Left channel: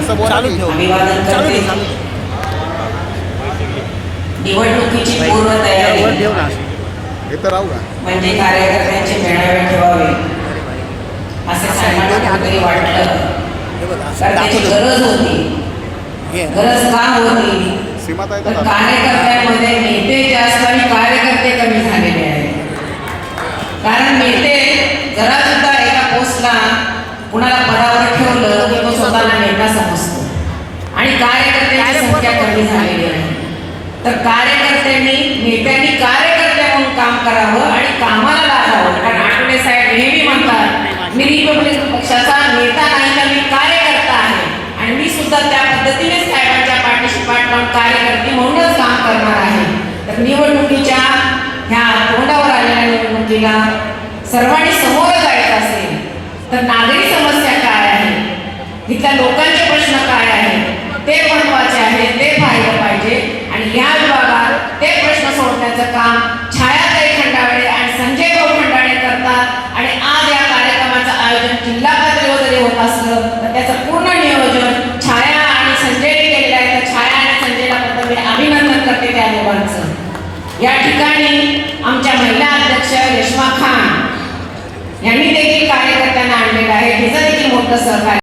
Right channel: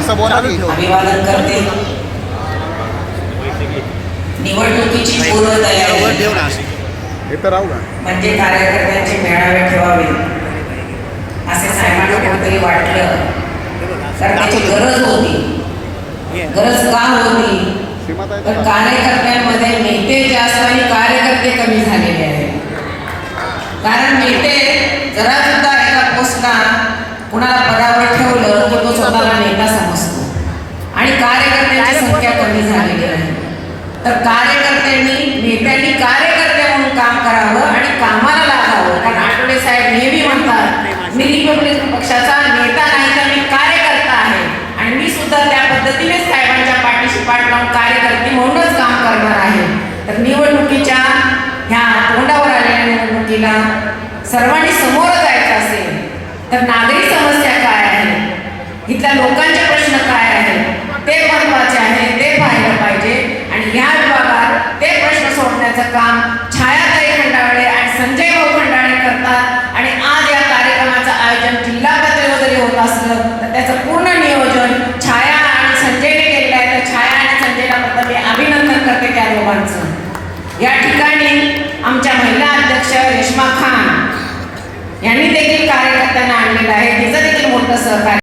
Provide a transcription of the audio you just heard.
असं बोला की. निवडणुकीची पूर्व वर तयारी ठेव ना. हे तर राहू का? म्हणजे कार्यकर्त्यांचे मेळावे ठेवावे. असे साहेबांना कुठेतरी वाटलं. तर त्याची गरज होती. गरज का होती? तर तर कार्यकर्त्यांमध्ये नेते जास्त आणि कार्यकर्ते कमी झालेले आहेत. कारण नेते जरा सुद्धा एका पोस्टला कुणाला पदावर ठेवलं की तो स्वतःला नेता आणि कार्यकर्त्यांची संख्या कमी झालेली आहे. तर कार्यकर्त्यांनी नेत्यांनी कार्यकर्ते म्हणून काम करावं आणि कामाला लागावं कारण आठवडे साहेब नेहमी म्हणतात मी रिपब्लिकन पक्षाचा नेता नाही तर मी कार्यकर्ता आहे. आणि मी सुद्धा त्या पद्धतीने साहेबांच्या पाठीशी पाठ लावून कार्यकर्ते म्हणूनच काम करणार आहे. तर निवडणुकीच्या ह्या तोंडावर आलेल्या निवडणुकीला सर्वांनी समोर जायचं असेल तर नागरी समस्या काय आहे? इथल्या